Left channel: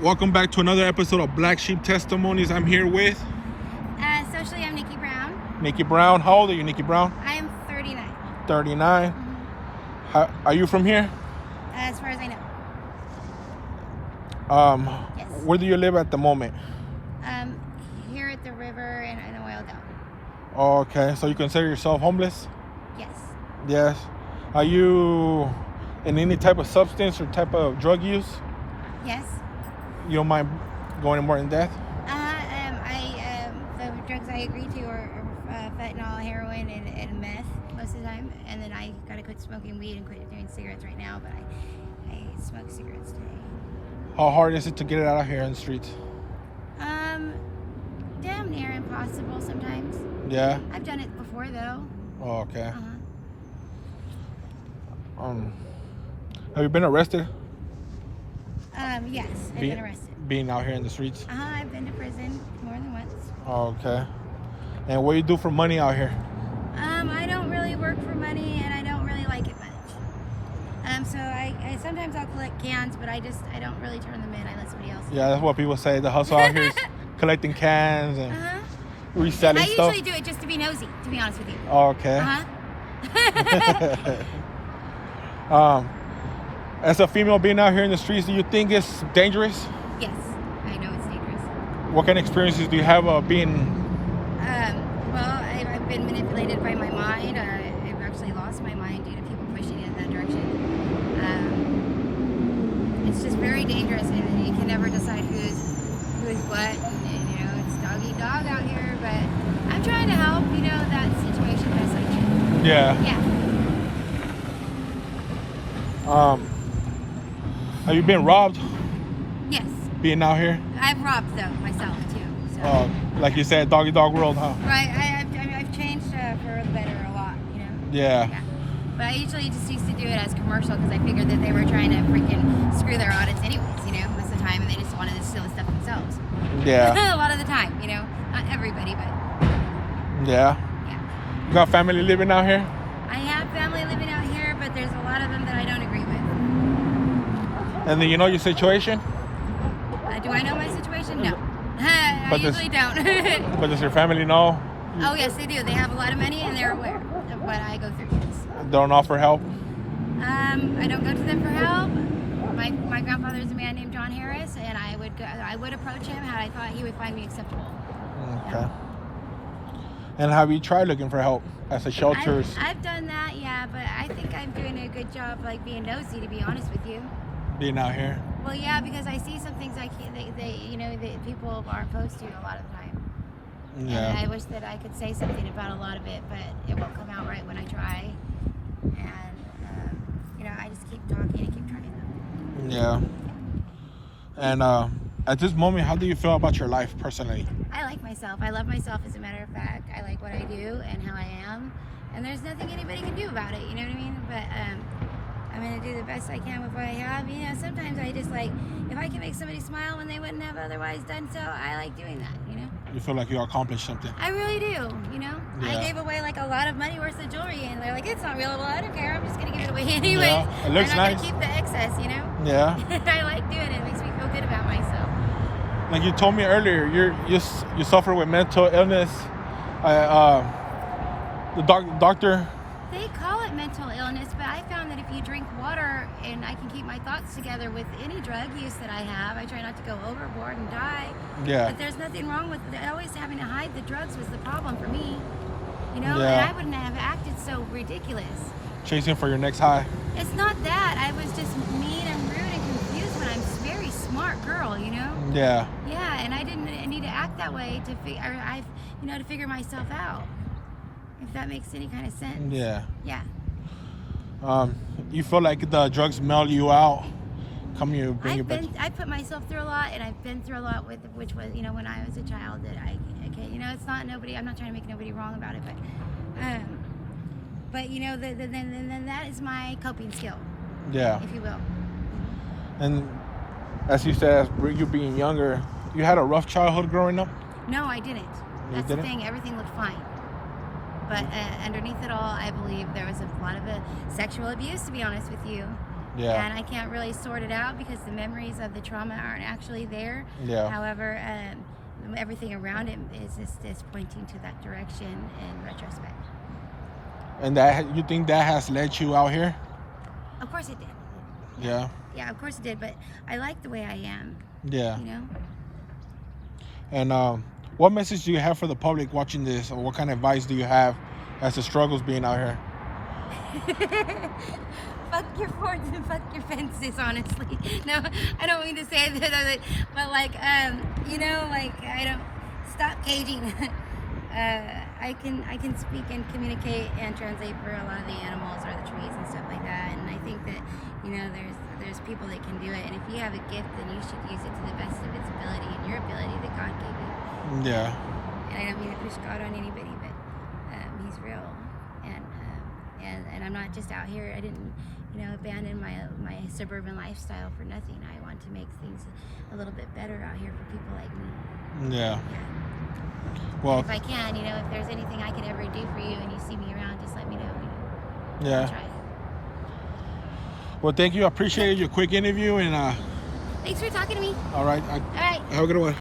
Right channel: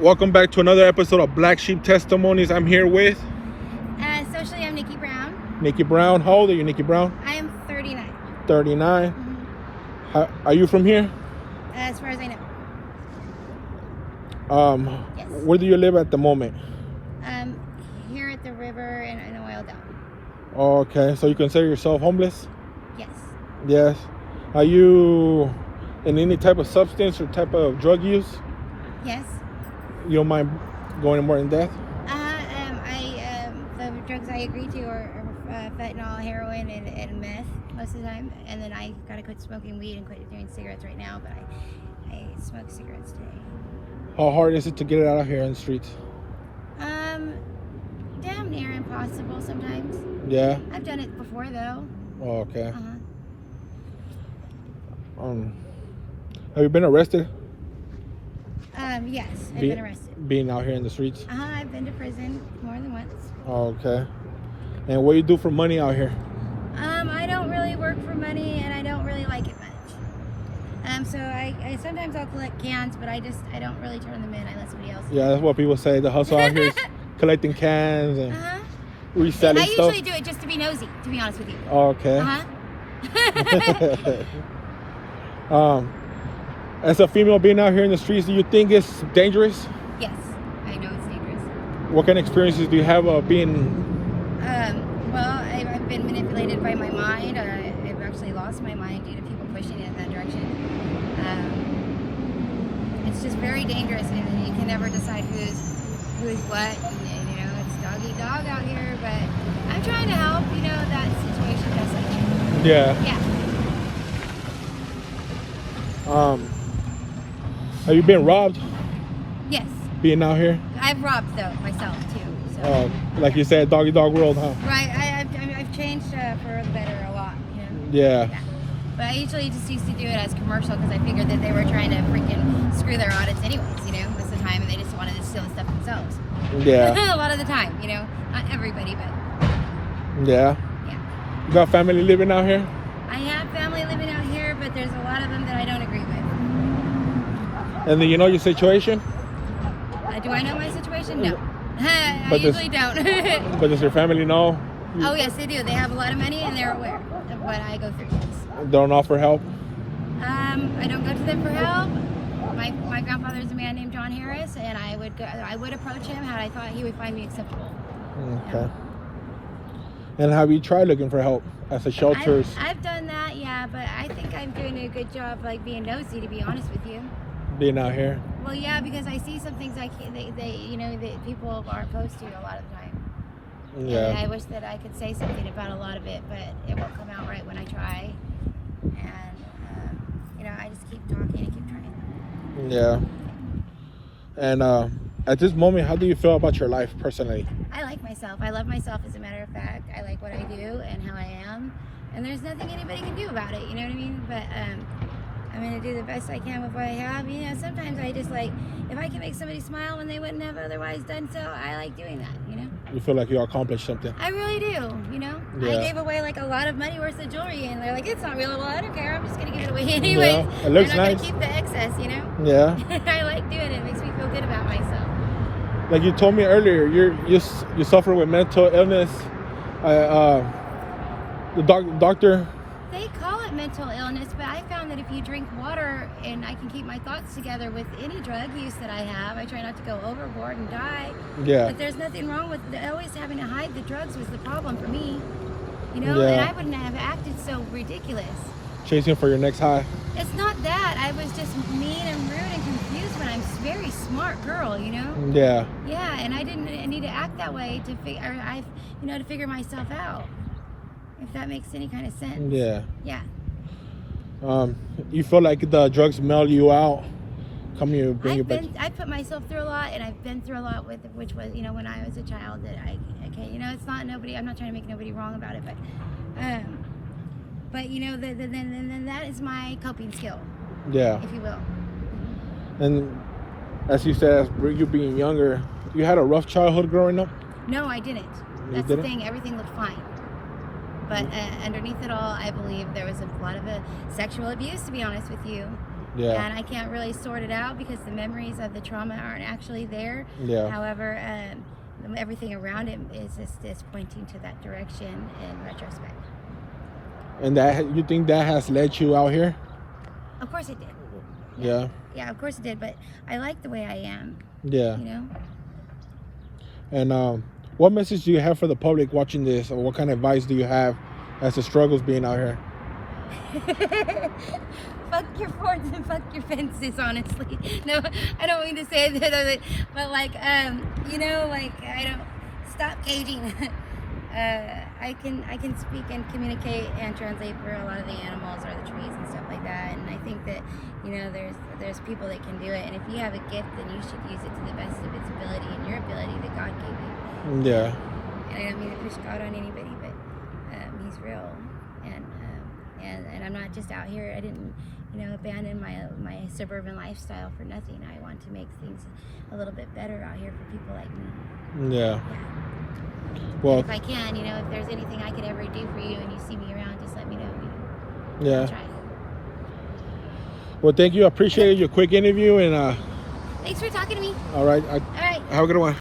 Welcome back to another episode of Black Sheep Testimonies. I'm here with Socially, I'm Nikki Brown. Nikki Brown. How old are you, Nikki Brown? I am 39. 39. Are you from here? As far as I know. Yes. Where do you live at the moment? Here at the river in Oil Down. Oh, okay, so you consider yourself homeless? Yes. Yes. Are you in any type of substance or type of drug use? Yes. You don't mind going more in depth? The drugs I agree to are fentanyl, heroin, and meth most of the time. And then I gotta quit smoking weed and quit doing cigarettes right now, but I smoke cigarettes today. How hard is it to get it out of here in the streets? Damn near impossible sometimes. Yeah? I've done it before though. Oh, okay. Uh-huh. Have you been arrested? Yes, I've been arrested. Being out here in the streets? I've been to prison more than once. Oh, okay. And what do you do for money out here? I don't really work for money, and I don't really like it much. So I sometimes I'll collect cans, but I don't really turn them in. I let somebody else. Yeah, that's what people say. The hustle out here is collecting cans and reselling I stuff. usually do it just to be nosy, to be honest with you. Oh, okay. As a female being out here in the streets, do you think it's dangerous? Yes, I know it's dangerous. What kind of experiences do you have being? Well, I've been manipulated by my mind. I've actually lost my mind due to people pushing it in that direction. It's just very dangerous, and you can never decide who's what. And, you know, it's dog eat dog out here. But I'm trying to help, that situation best I can. Yeah. Yeah. Have you been robbed? Yes. Being out here? I've robbed though myself too. So. Like you said, doggy dog world, huh? Right. I've changed for the better a lot. Yeah. Yeah. But I usually just used to do it as commercial because I figured that they were trying to freaking screw their audits anyways, most of the time, and they just wanted to steal the stuff themselves. Yeah. A lot of the time, not everybody, but. Yeah. Yeah. You got family living out here? I have family living out here, but there's a lot of them that I don't agree with. And then you know your situation? Do I know my situation? No. I usually don't. But does your family know? Oh, yes, they do. They have a lot of money, and they're aware of what I go through, yes. Don't offer help? I don't go to them for help. My grandfather is a man named John Harris, and I would approach him had I thought he would find me acceptable. Okay. Yeah. And have you tried looking for help at the shelters? I've done that, yeah, but I think I'm doing a good job, being nosy, to be honest with you. Being out here? Well, yeah, because I see some things that people aren't opposed to a lot of the time. Yeah. And I wish that I could say something about a lot of it, but it won't come out right when I try. And, I just keep talking and keep trying them. Yeah. And at this moment, how do you feel about your life personally? I like myself. I love myself, as a matter of fact. I like what I do and how I am. And there's nothing anybody can do about it, you know what I mean? But I'm going to do the best I can with what I have. Sometimes I just if I can make somebody smile when they wouldn't have otherwise done so, I like doing that, You feel like you accomplished something? I really do, Yeah. I gave away a lot of money worth of jewelry, and they're like, it's not real. Well, I don't care. I'm just going to give it away anyway. Yeah, it looks I'm not nice. going to keep the excess, Yeah. I like doing it. It makes me feel good about myself. Like you told me earlier, you suffer with mental illness. The doctor. They call it mental illness, but I found that if you drink water, and I can keep my thoughts together with any drug use that I have, I try not to go overboard and die. Yeah. But there's nothing wrong with always having to hide the drugs was the problem for me. And Yeah. I wouldn't have acted so ridiculous. Chasing for your next high. It's not that. I was just mean and rude and confused when I'm a very smart girl, Yeah. Yeah, and I didn't need to act that way to figure myself out. If that makes any kind of sense. Yeah. Yeah. You feel like the drugs melt you out? I put myself through a lot, and I've been through a lot which was, when I was a child, that it's not nobody, I'm not trying to make nobody wrong about it, but then that is my coping skill. Yeah. If you will. And as you said, as you being younger, you had a rough childhood growing up? No, I didn't. That's the thing. Everything looked fine. But underneath it all, I believe there was a lot of sexual abuse, to be honest with you. Yeah. And I can't really sort it out because the memories of the trauma aren't actually there. Yeah. However, everything around it is pointing to that direction in retrospect. And that, you think that has led you out here? Of course it did. Yeah. Yeah, of course it did. But I like the way I am. Yeah. You know. And what message do you have for the public watching this, or what kind of advice do you have as the struggles being out here? Fuck your forts and fuck your fences, honestly. No, I don't mean to say that, but like, you know, like, I don't, stop caging. I can speak and communicate and translate for a lot of the animals or the trees and stuff like that, and I think that, you know, there's people that can do it, and if you have a gift, then you should use it to the best of its ability and your ability that God gave you. Yeah. And I don't mean to push God on anybody, but He's real, and I'm not just out here. I didn't, you know, abandon my suburban lifestyle for nothing. I want to make things a little bit better out here for people like me. Yeah. Yeah. Well, And if I can, you know, if there's anything I could ever do for you and you see me around, just let me know. yeah. I'll try. Well, thank you. I appreciate your quick interview, and Thanks for talking to me. all right. All right. Have a good one.